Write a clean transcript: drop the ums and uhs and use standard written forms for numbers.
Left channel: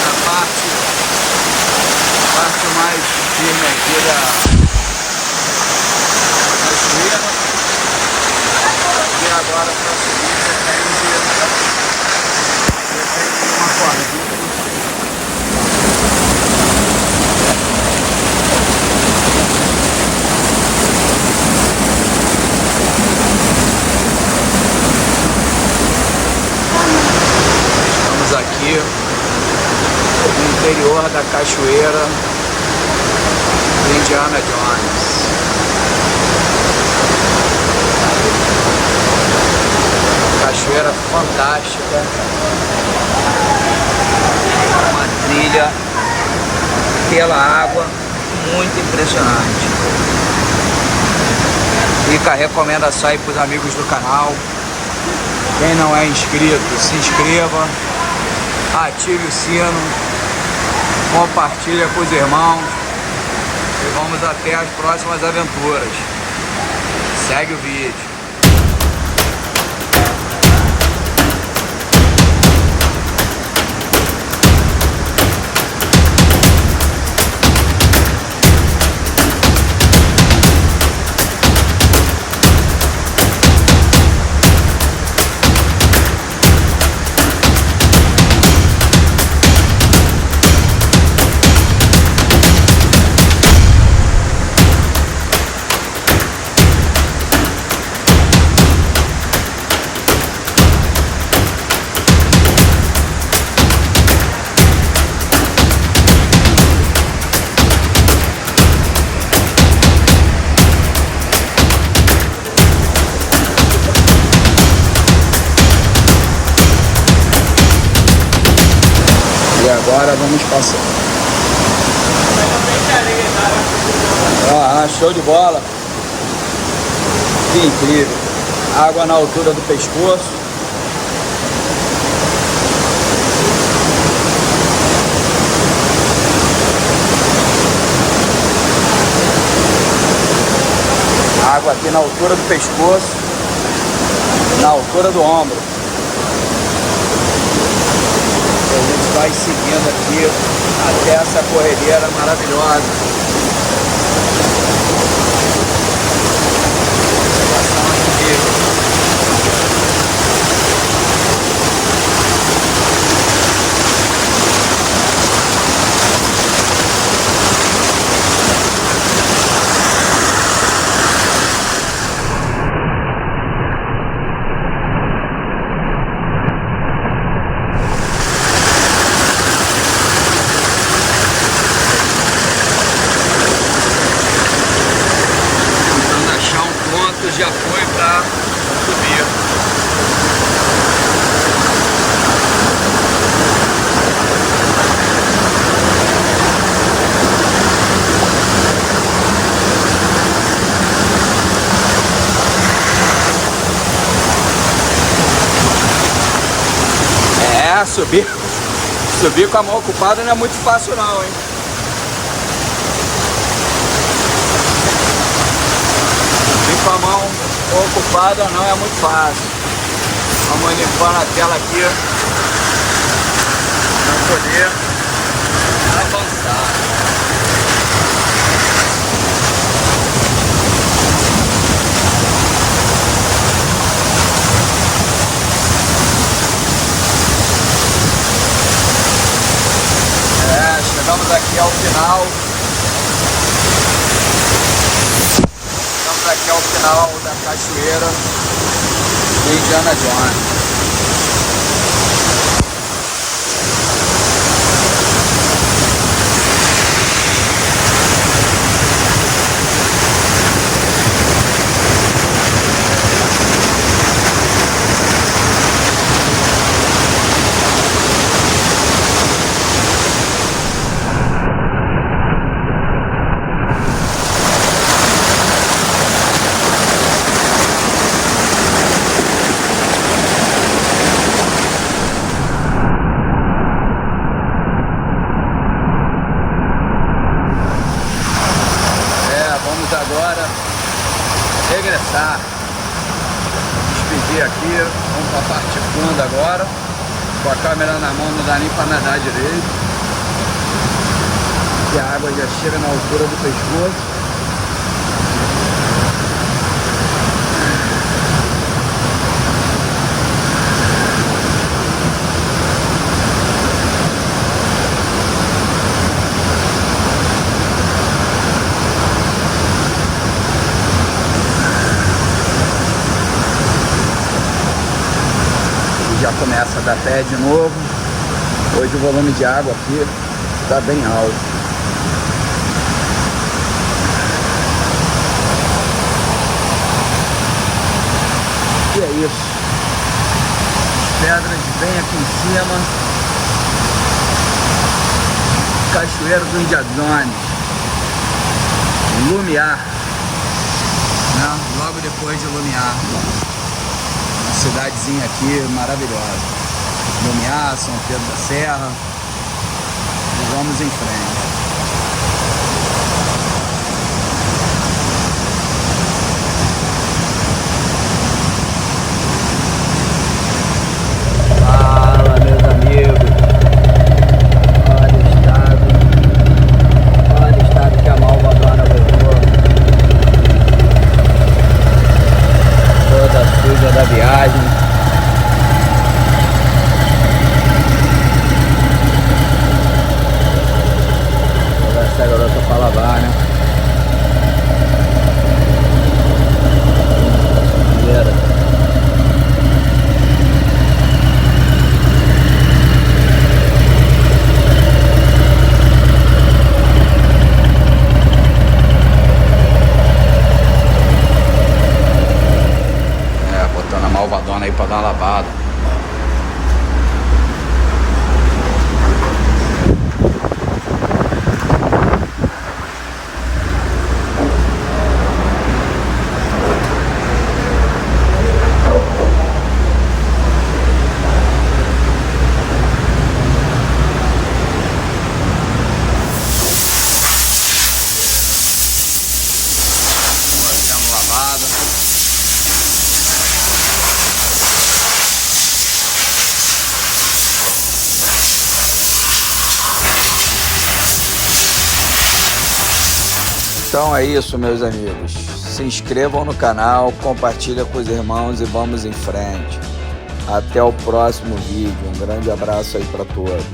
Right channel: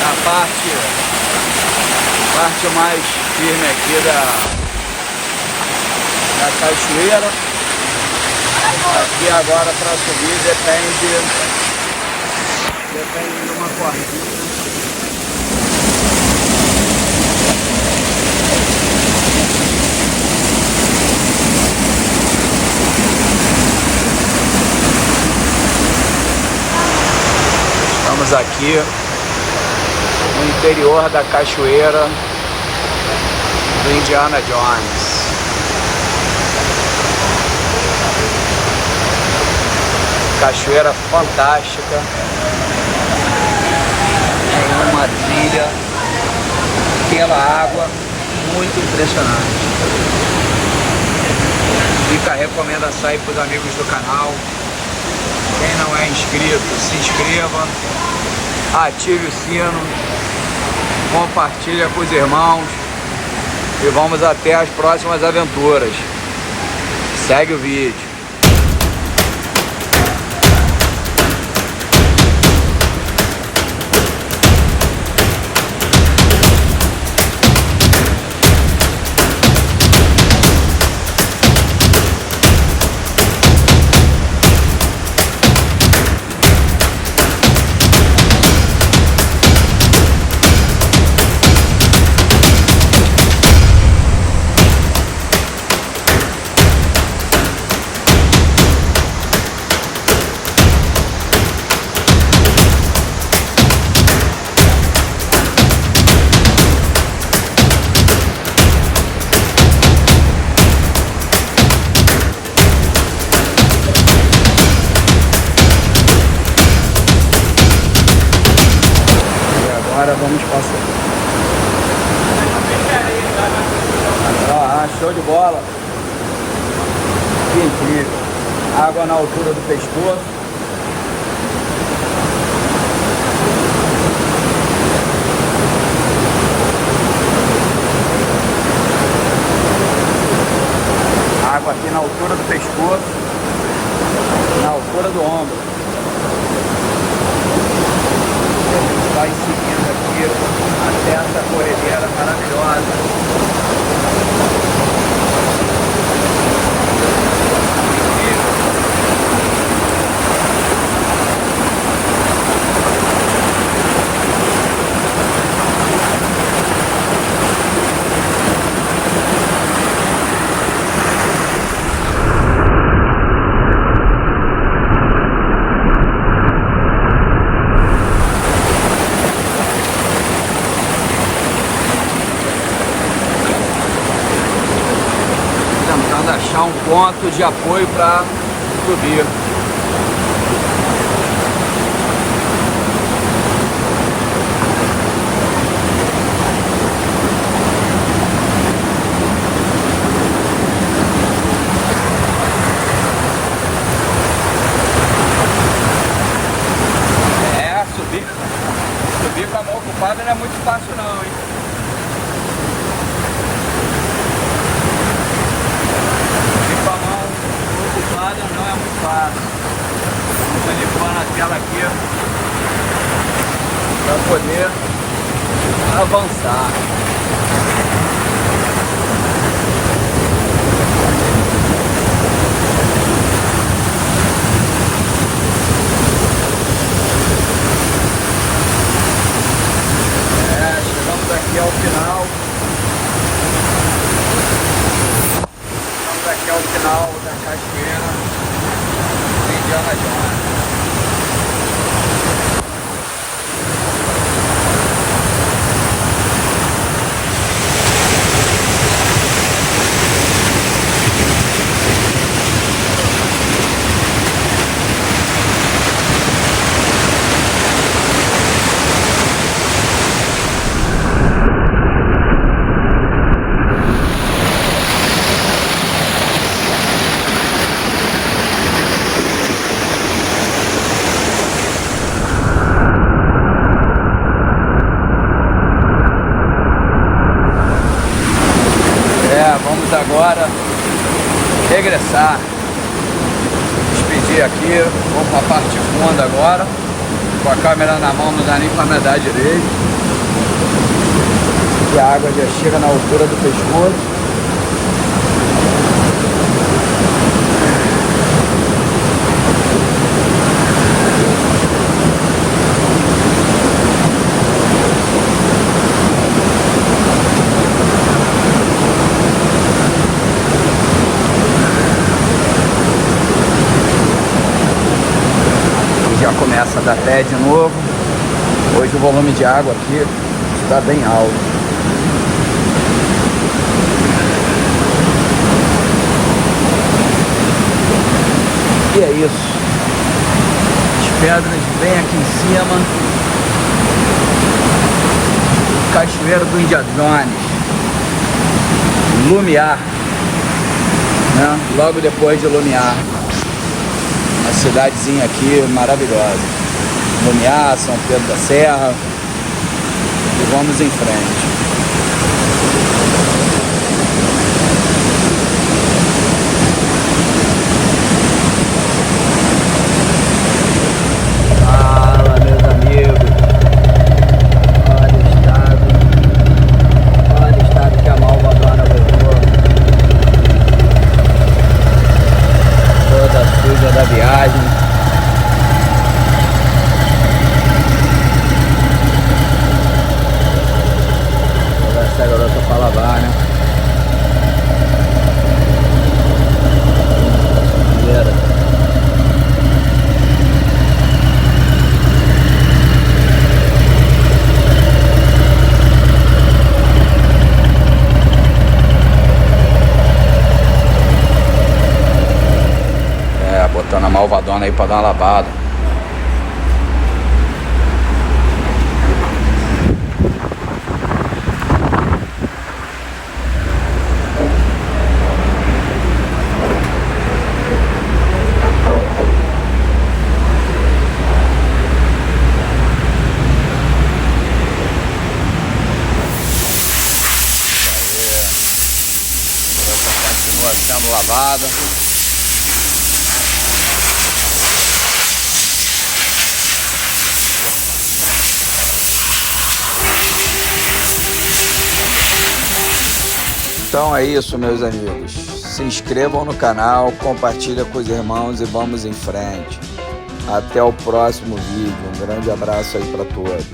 na parte mais firme aqui da cachoeira. Aqui agora para subir depende de uma cordinha. Estamos aqui no interior da cachoeira do Indiana Jones. Cachoeira fantástica, uma trilha pela água muito impressionante. Fica a recomendação aí para os amigos do canal. Quem não é inscrito, se inscreva, ative o sino, compartilha com os irmãos e vamos até as próximas aventuras. Segue o vídeo. Agora vamos passar. Show de bola. Que incrível. Água na altura do pescoço. Água aqui na altura do pescoço, na altura do ombro. A gente vai seguindo aqui até essa corredeira maravilhosa. Pontos de apoio para subir. Subir com a mão ocupada não é muito fácil não, hein? Com a mão ocupada não é muito fácil. Vamos limpar a tela aqui para poder avançar. Chegamos aqui ao final. Aqui ao final da cachoeira de Indiana Jones. câmera na mão, não dá nem pra andar direito. E a água já chega na altura do pescoço. Da pé de novo. Hoje o volume de água aqui está bem alto. E é isso. As pedras bem aqui em cima. Cachoeiro do Indiazones. Lumiar, né? Logo depois de Lumiar. Uma cidadezinha aqui maravilhosa. Lumiar, São Pedro da Serra, e vamos em frente. Fala, meus amigos. Olha o estado que a Malvadona levou. Toda suja da viagem. Essa garota pra lavar, né? Botando a Malvadona aí pra dar uma lavada. Sendo lavada. Então é isso, meus amigos. Se inscrevam no canal, compartilha com os irmãos e vamos em frente. Até o próximo vídeo. Um grande abraço aí para todos.